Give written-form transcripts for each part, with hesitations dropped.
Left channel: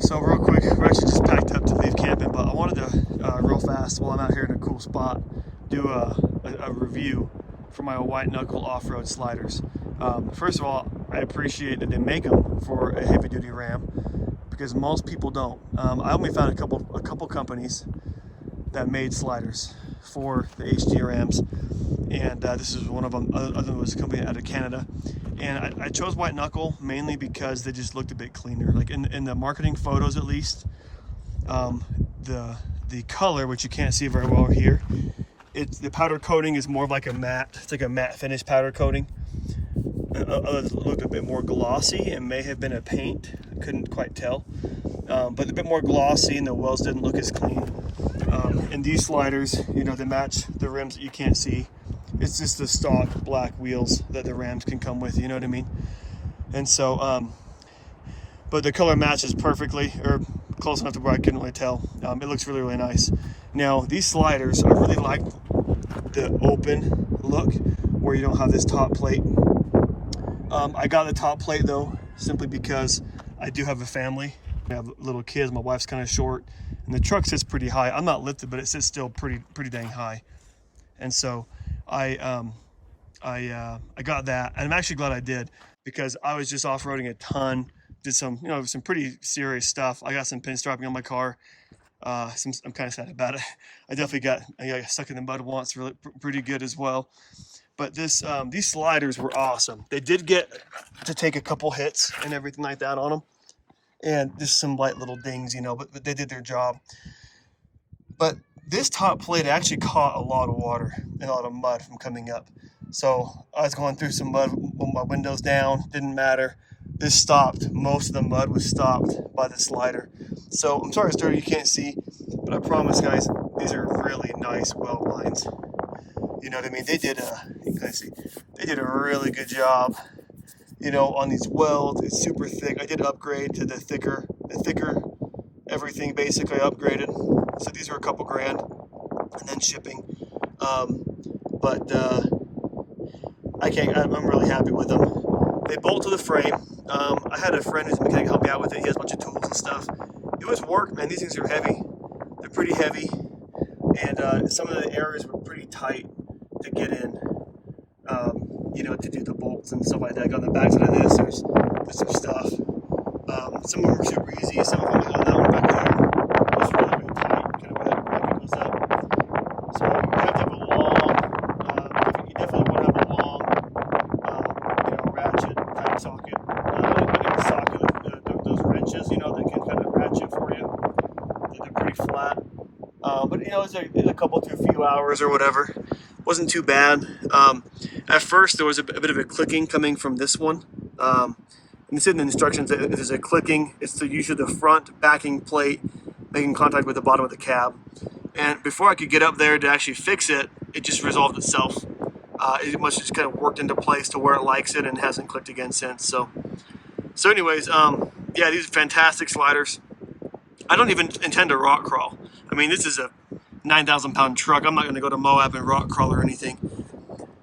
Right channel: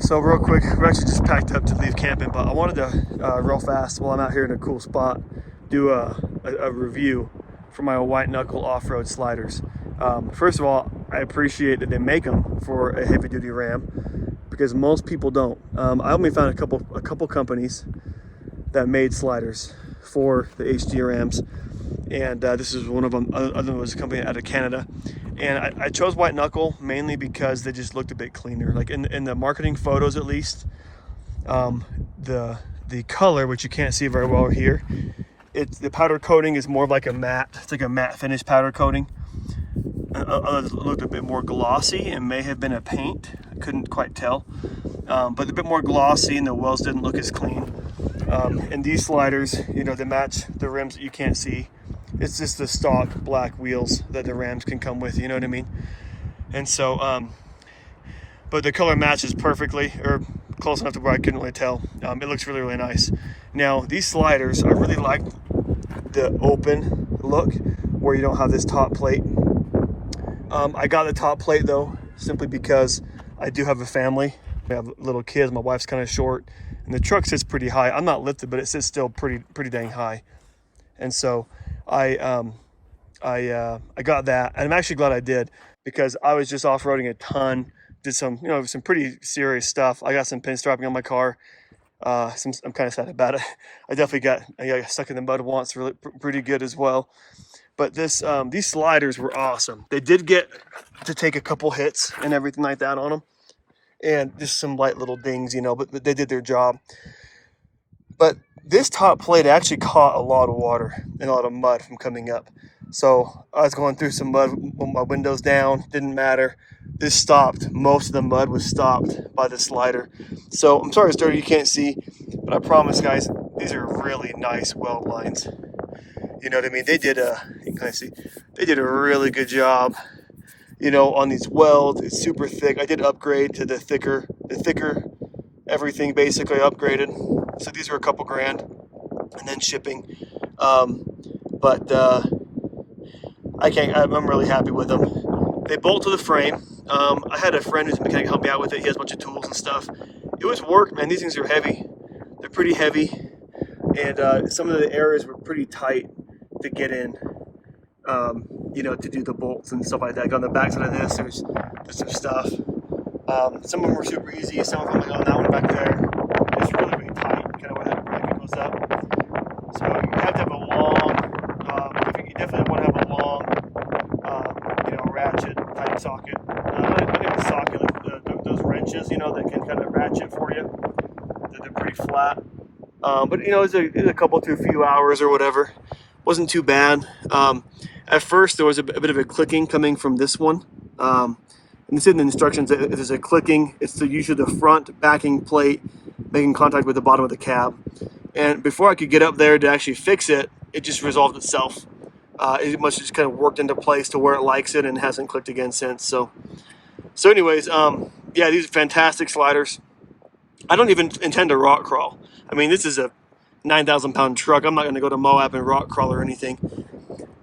So real quick, we're actually just packed up to leave camping, but I wanted to real fast while I'm out here in a cool spot do a review for my White Knuckle Off Road sliders. First of all, I appreciate that they make them for a heavy duty Ram because most people don't. I only found a couple companies that made sliders for the HD Rams, and this is one of them. Other than was a company out of Canada. And I chose White Knuckle mainly because they just looked a bit cleaner. Like in the marketing photos, at least, the color, which you can't see very well here, the powder coating is more like a matte. It's like a matte finish powder coating. Others looked a bit more glossy and may have been a paint. I couldn't quite tell, but a bit more glossy, and the wells didn't look as clean. And these sliders, you know, they match the rims that you can't see. It's just the stock black wheels that the Rams can come with, you know what I mean? And so, but the color matches perfectly, or close enough to where I couldn't really tell. It looks really, really nice. Now, these sliders, I really like the open look where you don't have this top plate. I got the top plate though, simply because I do have a family. I have little kids, my wife's kind of short, and the truck sits pretty high. I'm not lifted, but it sits still pretty dang high. And so I got that, and I'm actually glad I did, because I was just off-roading a ton, did some pretty serious stuff. I got some pinstriping on my car. I'm kind of sad about it. I definitely got stuck in the mud once, really pretty good as well. But these sliders were awesome. They did get to take a couple hits and everything like that on them, and just some light little dings, you know, but they did their job. But this top plate actually caught a lot of water and a lot of mud from coming up. So I was going through some mud with my windows down, didn't matter. This stopped. Most of the mud was stopped by the slider. So I'm sorry it's dirty, you can't see, but I promise guys, these are really nice weld lines. You know what I mean? They did they did a really good job, you know, on these welds. It's super thick. I did upgrade to the thicker everything basically upgraded. So these are a couple grand, and then shipping. But I'm really happy with them. They bolt to the frame. I had a friend who's a mechanic help me out with it. He has a bunch of tools and stuff. It was work, man. These things are heavy. They're pretty heavy, and some of the areas were pretty tight to get in. You know, to do the bolts and stuff like that. On the backside of this, there's some stuff. Some of them were super easy. Some of them, that one back there, was really, really tight, kind of where that bracket goes up. So you have to have a long, you definitely want to have a long, you know, ratchet type socket. I got a socket, those wrenches, you know, that can kind of ratchet for you. They're pretty flat. But you know, it's a couple to a few hours or whatever. Wasn't too bad. At first, there was a bit of a clicking coming from this one. And this in the instructions, there's a clicking. It's the use of the front backing plate making contact with the bottom of the cab. And before I could get up there to actually fix it, it just resolved itself. It must have just kind of worked into place to where it likes it and hasn't clicked again since. So anyways, yeah, these are fantastic sliders. I don't even intend to rock crawl. I mean, this is a 9,000-pound truck. I'm not going to go to Moab and rock crawl or anything.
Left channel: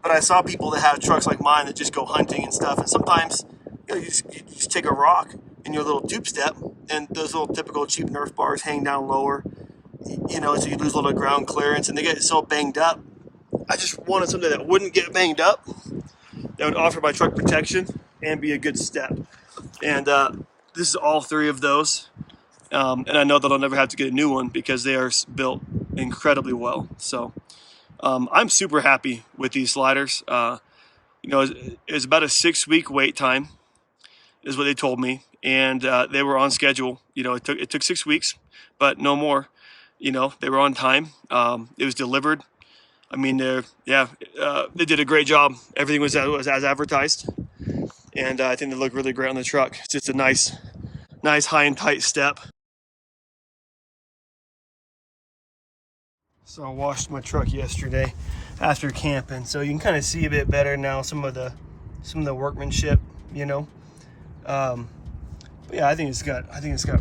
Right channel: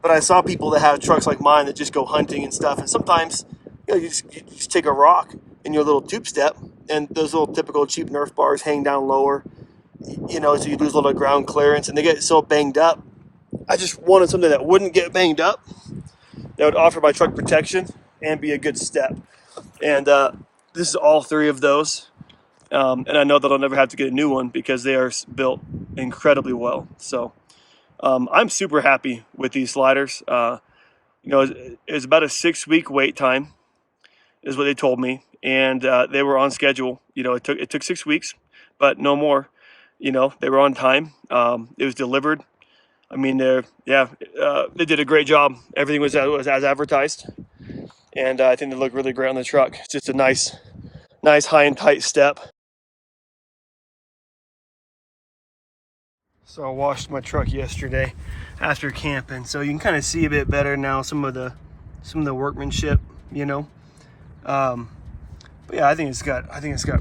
But I saw people that have trucks like mine that just go hunting and stuff. And sometimes, you know, you just take a rock in your little tube step, and those little typical cheap Nerf bars hang down lower, you know, so you lose a little ground clearance, and they get so banged up. I just wanted something that wouldn't get banged up, that would offer my truck protection and be a good step. And this is all three of those. And I know that I'll never have to get a new one because they are built incredibly well. So I'm super happy with these sliders. You know, it's about a 6-week wait time is what they told me. And they were on schedule. You know, it took 6 weeks, but no more. You know, they were on time. It was delivered. I mean, they did a great job. Everything was as advertised. And I think they look really great on the truck. It's just a nice high and tight step. So I washed my truck yesterday after camping, so you can kind of see a bit better now some of the workmanship, you know. But yeah, I think it's got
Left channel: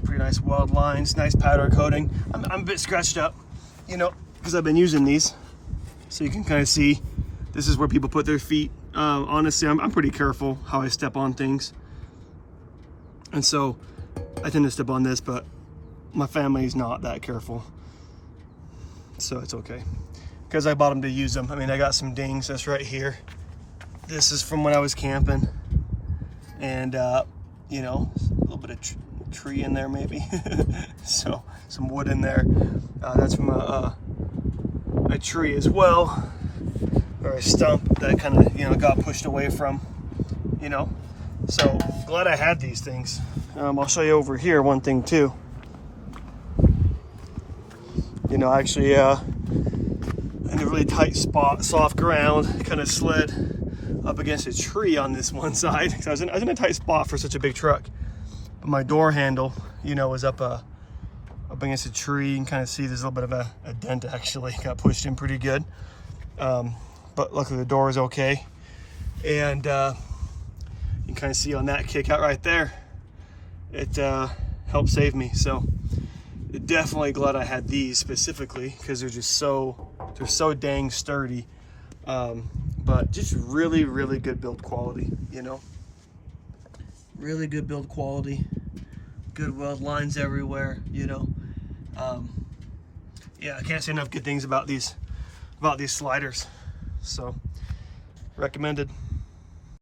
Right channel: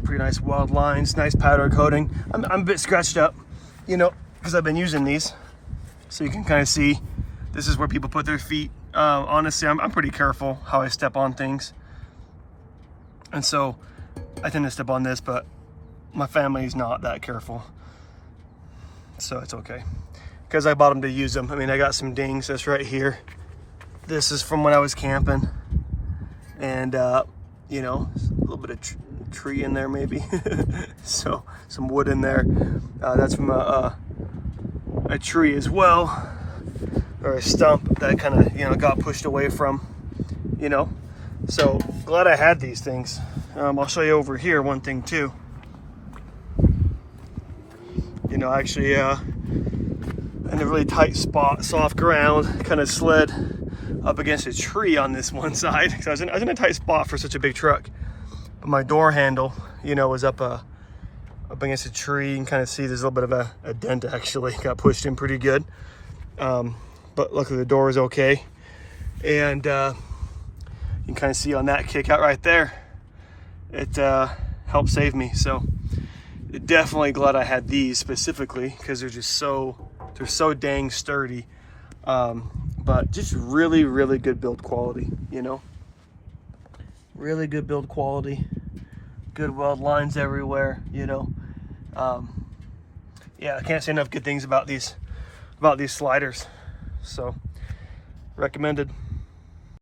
pretty nice weld lines, nice powder coating. I'm a bit scratched up, you know, because I've been using these, so you can kind of see this is where people put their feet. Honestly, I'm pretty careful how I step on things, and so I tend to step on this, but my family's not that careful, so it's okay. Because I bought them to use them. I mean, I got some dings. That's right here. This is from when I was camping, and you know, a little bit of tree in there maybe. So some wood in there. That's from a tree as well, or a stump that kind of, you know, got pushed away from, you know. So glad I had these things. I'll show you over here one thing too. You know, actually in a really tight spot, soft ground, kind of slid up against a tree on this one side. So I was in a tight spot for such a big truck. But my door handle, you know, was up against a tree. You can kind of see there's a little bit of a dent actually. Got pushed in pretty good. But luckily the door is okay. And you can kind of see on that kick out right there, it helped save me. So definitely glad I had these specifically, because they're just so dang sturdy. But just really, really good build quality, you know. Really good build quality, good weld lines everywhere, you know. Yeah, I can't say enough good things about these sliders. So recommended.